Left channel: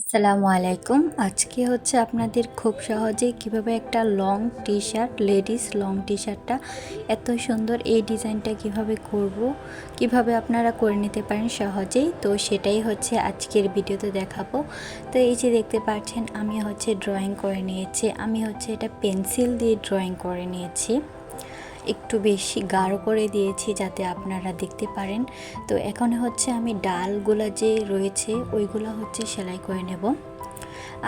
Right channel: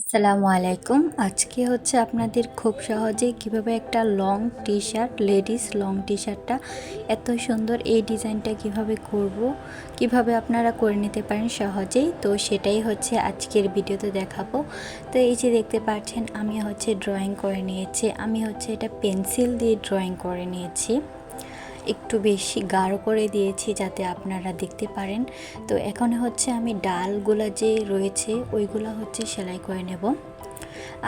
আসসালামু আলাইকুম। আজকে হচ্ছে আপনাদের খুব সহজেই কীভাবে একটা long T shirt ladies long T শার্টটা এত সুন্দর এই ডিজাইনটা কীভাবে করব, কীভাবে আপনারা করে নিতে পারেন সহজেই। তো সেটাই হচ্ছে আজকের ভিডিওতে দেখাবো। তো এই যে দেখতে পাচ্ছেন, আমি হচ্ছে ড্রয়িং করে নিয়েছি। আমি হচ্ছে এটা পেন্সিল দিয়ে ড্রয়িং করে নিয়েছি। একটু বেশি গাঢ় করে দিয়েছি যাতে আপনারা দেখতে পারেন। তো এখন হচ্ছে আমি ডালগুলা যে রয়েছে, ওইগুলো হচ্ছে সেলাই করে নেব।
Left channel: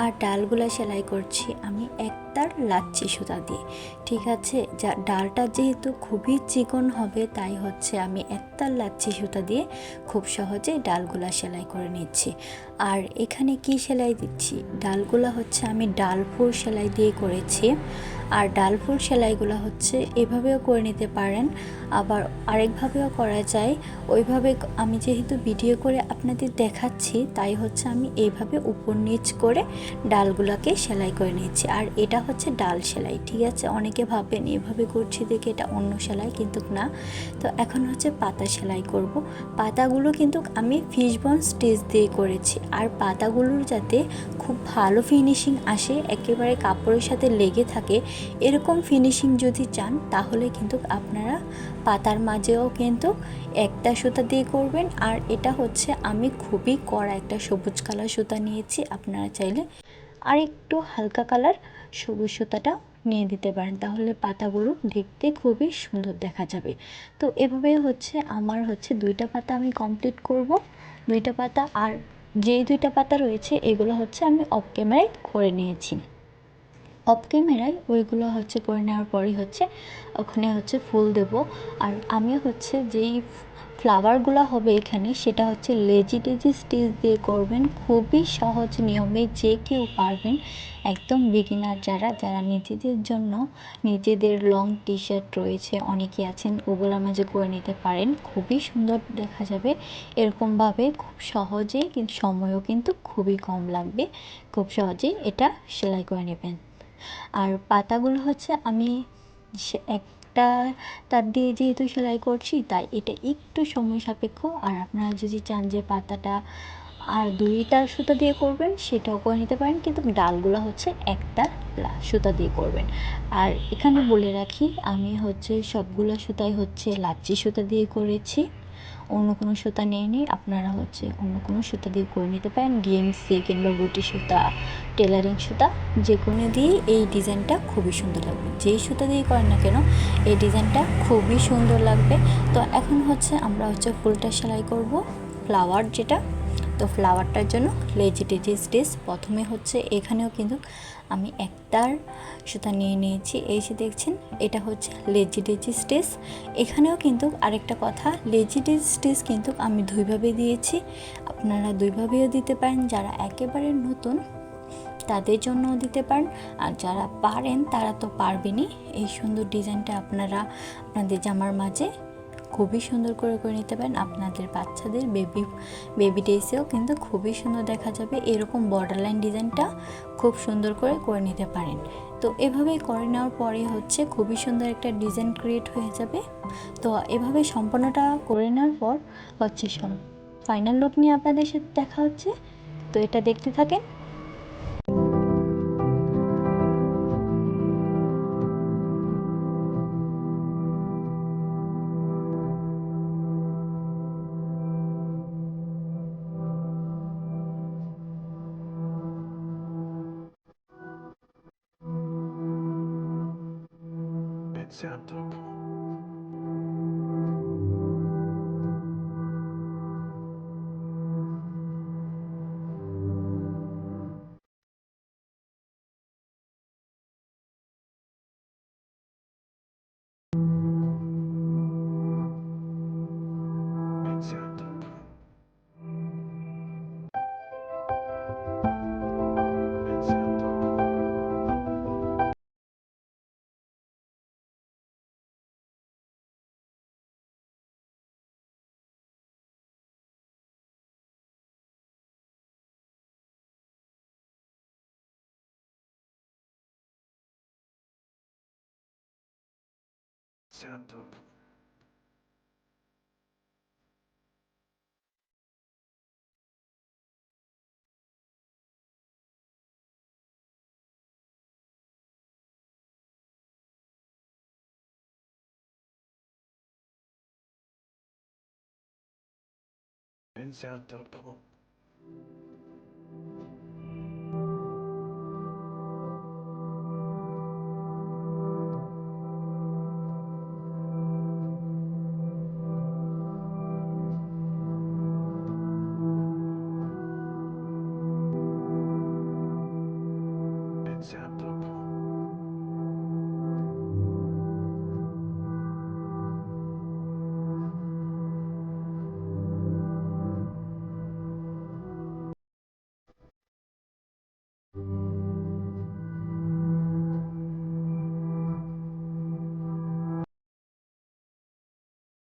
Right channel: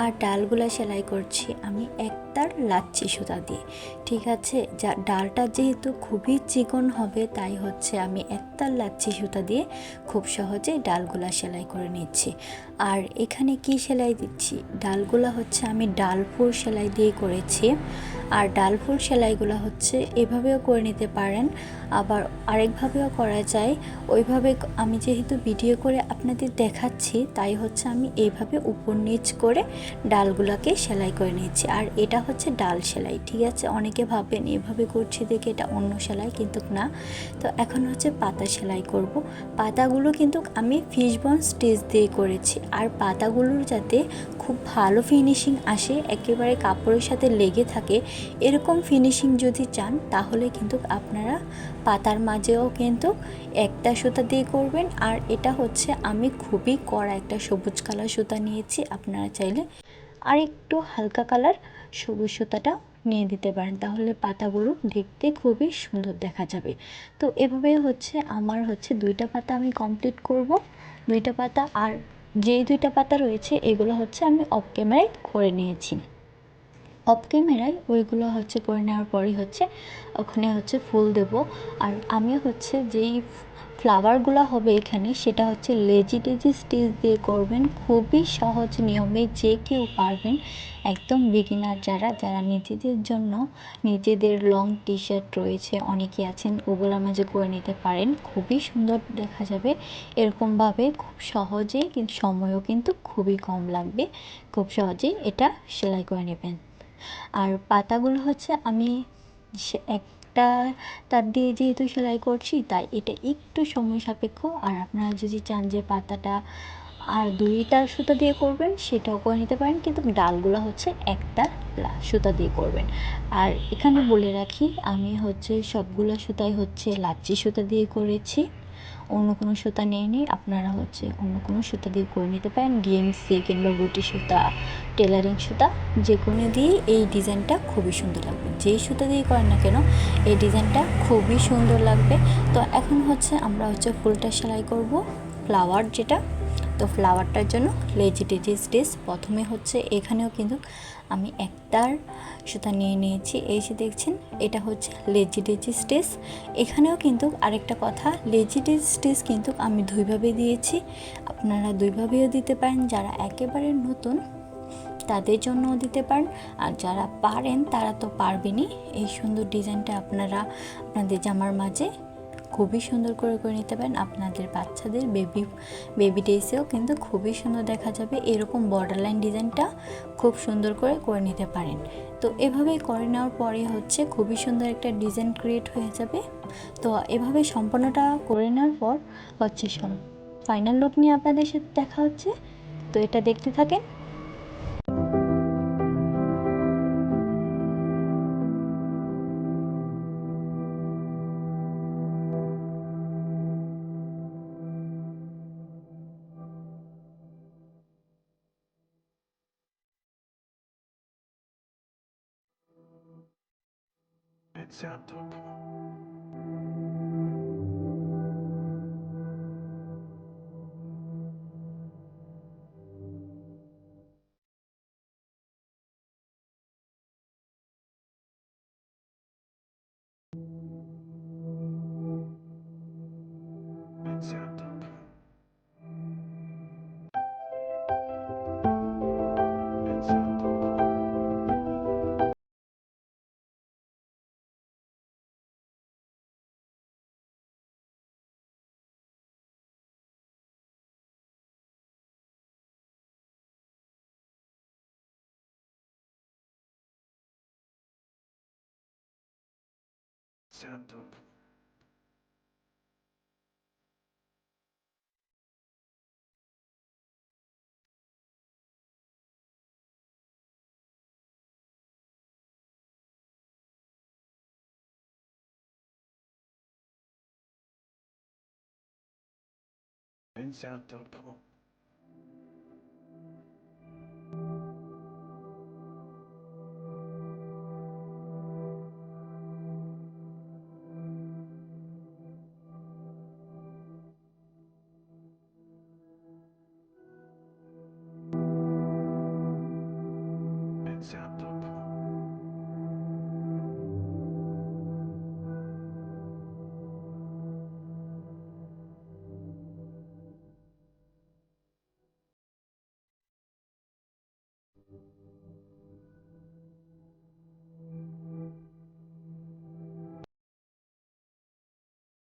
আর ডালগুলা সেলাই করছি আমি একতার লাচ্ছি সুতা দিয়ে, ঠিক আছে? যা ডালটা যেহেতু খুবই চিকন হবে, তাই হচ্ছে আমি একতার লাচ্ছি সুতা দিয়ে খুব সহজে ডালগুলা সেলাই করে নিচ্ছি। আর এখানে কি সেলাই দিচ্ছি? ডালগুলা হচ্ছে আমি ডালফুর সেলাই দিয়ে করেছি। আর ডাল ফুল সেলাইগুলো হচ্ছে এভাবেও করে নিতে পারেন। আবার আরেকভাবেও করা যায়। ওইভাবে আমি যেহেতু ভিডিও করে আপনাদের দেখাচ্ছি, তাই হচ্ছে আমি এইভাবে উপর নিচ করে ডালগুলোকে সেলাই করে নিচ্ছি। আর এটা হচ্ছে ডাল সেলাই, ঠিক আছে? অনেকে ভাববেন এভাবে করছি দেখে এটা অন্য সেলাই, কিন্তু না। তো এখন হচ্ছে পাতা সেলাই করব। পাতাগুলো কিন্তু আমি ফিশবন স্টিচ দিয়ে করেছি। আর পাতাগুলোর যাতে খুব ভালো ফিনিশিং আসে, একেবারে কাপড়ের সাথে লেগে থাকে এরকম ফিনিশিং যদি চান, তাহলে কিন্তু আপনারা পাতার মাঝেও কিন্তু একটা সুতা দিয়ে করবেন। আর এটা হচ্ছে আমি খুবই কড়া একটা সবুজ কালার সুতা নিয়েছি, আপনারা চাইলে আর একটু হালকা কালার সবুজ সুতাটা নিয়ে দিতে পারেন। তাহলে পাতাগুলো দেখতে খুবই সুন্দর দেখা যাবে। তো এভাবে হচ্ছে আমার হচ্ছে দুইটা পাতা আমি কমপ্লিট করব। দুইটা পাতা আর যেই দুইটা পাতা রয়েছে, এগুলো হচ্ছে আমি অফ ক্যামেরায় করে নিয়েছি। অফ ক্যামেরায় ওইগুলো হচ্ছে করে নেওয়ার পরই হচ্ছে, ওখানে হচ্ছে ফুল দেব। আর আমি হচ্ছে যেই ফ্লাওয়ারগুলো হবে এখানে, সেটা হচ্ছে লেজি টেজি স্টিচ দিয়ে করবেন। খুবই সহজ নিয়মে যে কেউ পারবেন, একদম বিগিনার যারা যারা নিজেদের জন্য নিজেদের লং টি শার্ট রয়েছে অনেকে আছেন, ওগুলোর মাঝে করে নিতে পারেন। খুবই সুন্দর দেখা যাবে। এরকমভাবে খুব সহজেই কিন্তু সময়ও কিন্তু খুবই কম লাগবে। খুব সহজেই এটা সেলাই করে নেবেন। আর পাতাগুলো হচ্ছে আমি সে একটা তার দিয়ে যেহেতু সেলাই করছি, তাই এটা একটু সময় সাপেক্ষ। আর আপনারা যদি চান যে পাতাটা আর দুইটা সুতা দিয়ে করবেন, সেটাও করে নিতে পারেন। কিন্তু ডালগুলো হচ্ছে একটা সুতা দিয়ে করবেন। আর এখানে বলে রাখি, আমি হচ্ছে সবগুলো সুতাই হচ্ছে লাচ্ছি সুতা দিয়ে করেছি। অন্য কোনো সুতা নিয়ে নিই আপনারা হচ্ছে অন্য কোনো সুতা দিয়ে করে নিতে পারেন। ডিএমসি কিংবা গুটি সুতা টেলারিং সুতা যে কোনো দিয়েই এই ডিজাইনটা খুবই সুন্দর লাগবে। যেই সুতা দিয়ে করেন না কেন, এই ডিজাইনটা খুবই সুন্দর লাগবে। তো এখন হচ্ছে আমরা হচ্ছে ফুলটা সেলাই করব। ফ্লাওয়ার যেটা তো ফ্লাওয়ারটার জন্য লেজি টেজি স্টিচ প্রথমে হচ্ছে এখানেও কিন্তু আমি একটার সুতা নিয়ে নিয়েছি। এই যে দেখছেন, এটা হচ্ছে লেজি ডেজি স্টিচ এখানেও কিন্তু আরেকটা কথা, লেজি ডেজি স্টিচ কিন্তু আমি দুইভাবে দিয়েছি। আপনারা দুইভাবেও দিতে পারেন, যারা একেবারে নতুন তাদের জন্যও দিতে পারেন। আর যারা পারেন, তারা তো পারবেনই। এই সুন্দর ডিজাইনটা আপনারা, আপনাদের জামার মাঝে খুবই সুন্দর করে করে নিতে পারেন। আপনাদের বাচ্চাদের বেবি বেবি ডেসেও কিন্তু খুবই সুন্দর দেখা যাবে। এরকম বর্ডার লাইন ডিজাইনটা খুব সুন্দর করে করে নিতে পারেন। তো এভাবেই করে নেওয়ার পরে হচ্ছে খুবই সুন্দর একটা ডিজাইন ক্রিয়েট হয়ে যাবে। তো এভাবে সম্পূর্ণটা করে নেওয়ার পর হচ্ছে ফাইনাল লুক নিয়ে আপনাদের সাথে দেখা হচ্ছে। তো এটা দেখতে থাকেন। Santo. stand up. Stand up.